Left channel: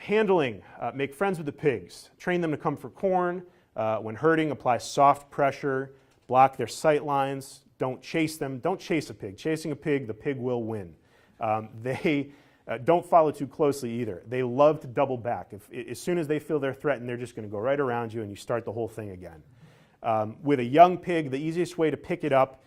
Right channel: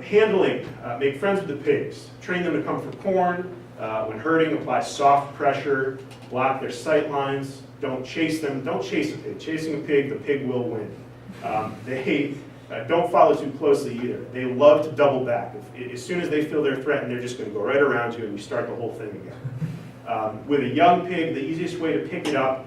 Handling, make friends with the pigs. Train them to come for corn. When herding, apply soft pressure. Block their sight lines. Don't chase them. Don't chase a pig. Chasing a pig, the pig will win. They don't follow too closely either. They love to double back. As soon as they feel they're threatened, they're just going to go right around you and you start the whole thing again. With a young pig, the easiest way to pick it up,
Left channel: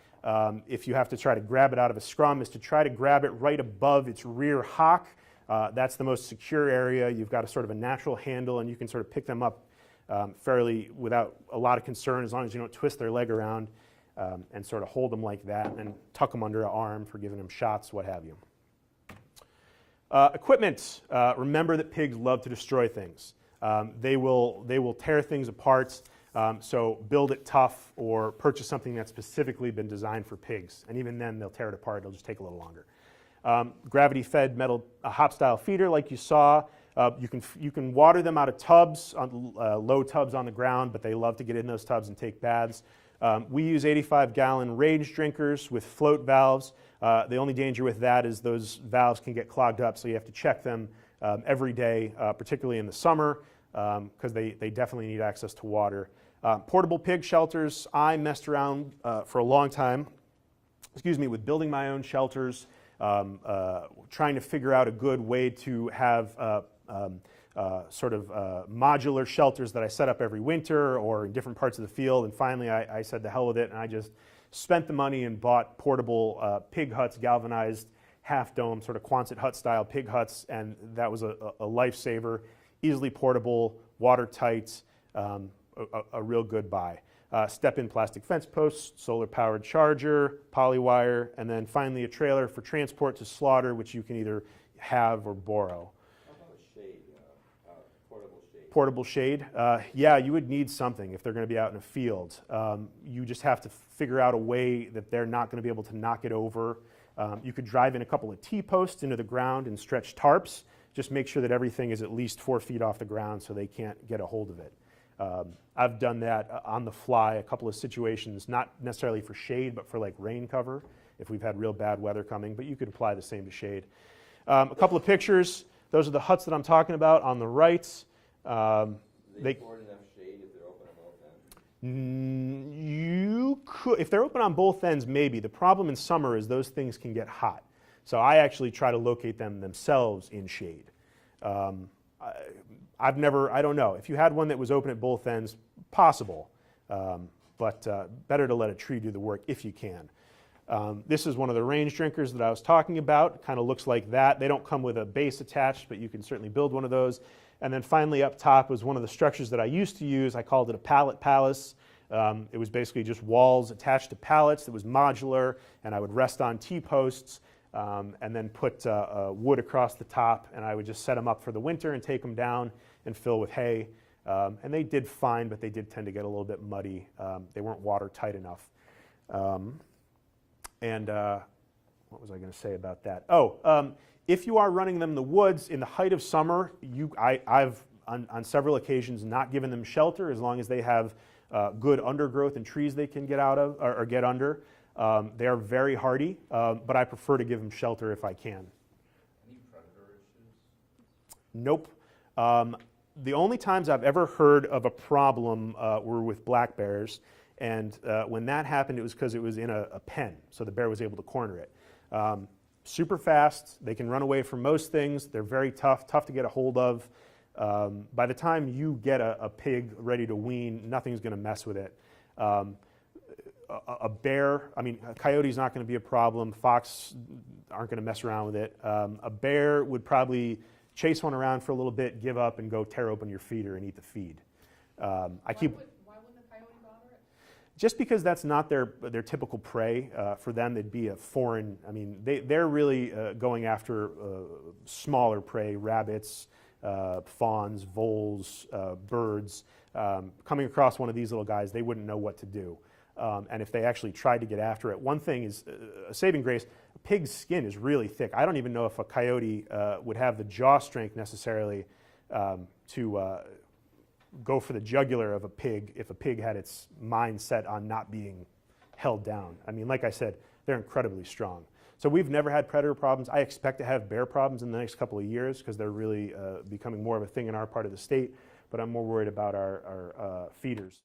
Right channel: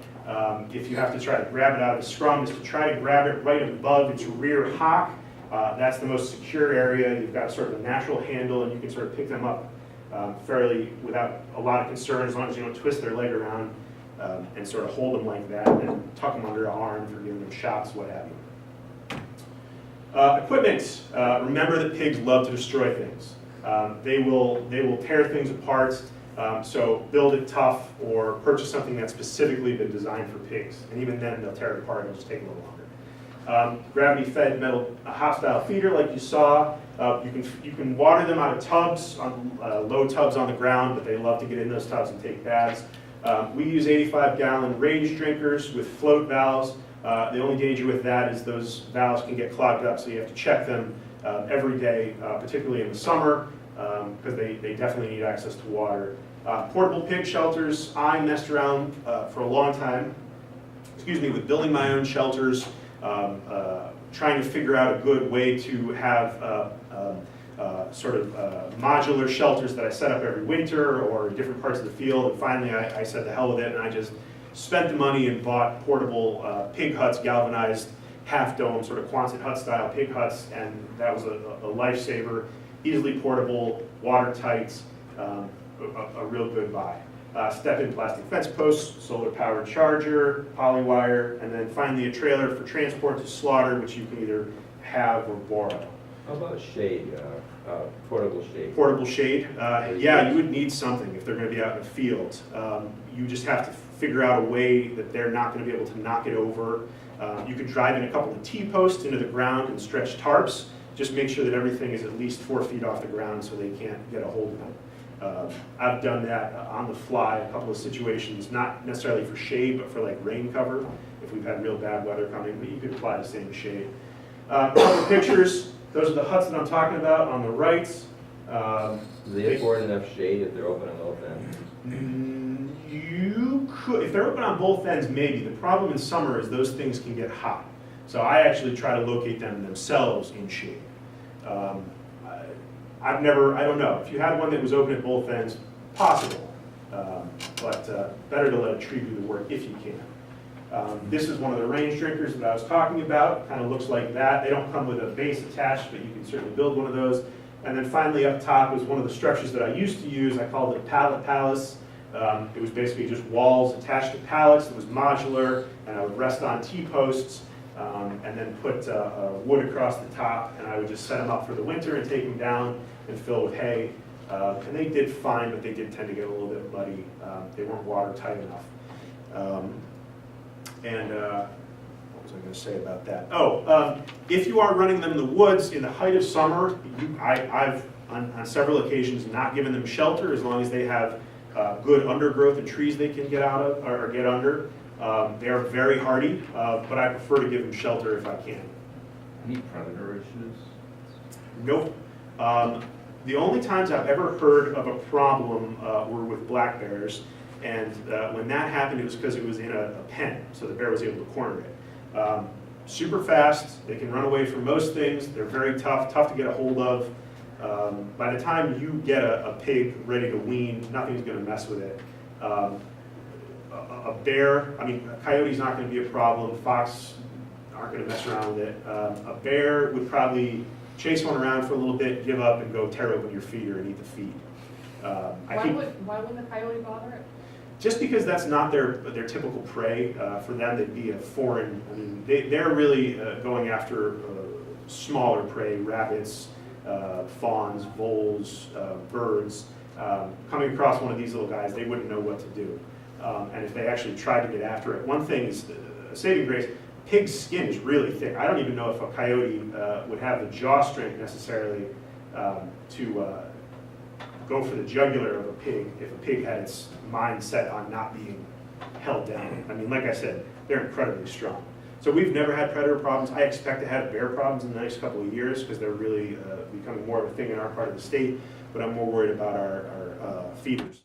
if you have to try to grab it out of the scrum, is to try to grab it right above its rear hock. That's the most secure area. You've got sort of a natural handle and you can sort of pick them up fairly without a lot of concern, as long as you don't twist their leg around and sort of hold them like that and then tuck them under an arm for giving them shots, what have you. Equipment. Remember that pigs love to destroy things. They will tear things apart, so build it tough or purchase something that's specifically been designed for pigs. And even then, they'll tear it apart and it'll just take a little longer. Gravity-fed metal hop-style feeder, like you saw. You can water them out of tubs, on low tubs on the ground, but they love to get in those tubs and take baths. We use 85-gallon range drinkers with float valves. The only danger with that is those valves can get clogged up, so you have to check them every day, particularly in the summer, because they definitely need access to water. Portable pig shelters. I messed around for a long time, with building my own shelters, trying to figure out a good way to have modular shelters that I set up every winter or in different parts of the field. And finally, I said the hell with it, and I just spent the money and bought portable pig huts, galvanized half-dome, sort of Quonset hut style pig huts, and that was a lifesaver. Easily portable, watertight, a real good buy. Step-in plastic fence posts, solar-powered charger, polywire, and then finally a trailer for transport to slaughter, which you can either have or borrow. How about shade, portable shade? Portable shade, yeah, you would need something if they're going to be out in the field. You just have to figure out a way that they're not going to be able to knock it over. You could drive in a couple of T-posts into the ground and stretch tarps. Just make sure that everything is at least 4 feet off the ground so they can't get a hold of them. I've done that on the fly, a couple of situations, not necessarily for shade, but for like rain cover, if we've had real bad weather coming, but you could apply the same shade. A couple of pictures. Those are the huts that I'm talking about on the right. Do they afford enough shade if they're open on both ends? You could, if they're open on both ends, maybe. The problem in summer is those things can get hot. So I actually try to locate them themselves in shade. I don't know. If you had one that was open at both ends, possible. But better to let a tree do the work if you can. This is one of the range drinkers that I was talking about. Kind of looks like that. They don't come with a base attached, but you can certainly build one of those. And then finally up top was one of the structures that I used to use. I called it a pallet palace. It was basically just walls attached to pallets. It was modular, and I would rest on T-posts and then put wood across the top, and I would just set them up for the winter and take them down and fill with hay. And they did fine, but they did tend to get a little bit muddy. They weren't watertight enough. What was I going to say about that? If you are running them in the woods in the height of summer, I've on several occasions not given them shelter as long as they have good undergrowth and trees they can get out of or get under. They are very hardy, but I prefer to give them shelter if I can. Any predator issues? Nope. The only times I've ever heard of a problem were with black bears, and when that happened, it was because it was in a pen, so the bear was able to corner it. Super fast, they can run away from most things, they're very tough to get a hold of. By the time you get a pig ready to wean, nothing's going to mess with it. A bear, a coyote's not going to be a problem, fox aren't going to mess around with it. A bear would probably chase one around for a little bit, give up, and go tear open your feeder and eat the feed. Why wouldn't the coyote bother it? Just because that's not their typical prey. For them, they'd be a foreign. They're really going after smaller prey, rabbits, fawns, voles, birds. Coming across one of these little guys, they wouldn't know what to do. And if they actually tried to get after it, one thing is a saving grace. Pig's skin is really thick. I don't even know if a coyote would have the jaw strength necessarily to go for the jugular of a pig if a pig had its mind set on not being held down. Like I said, they're incredibly strong. So we've never had predator problems. I expect to have bear problems in the next couple of years because they're really becoming more of a thing in our part of the state, but I'm more worried about our feeders.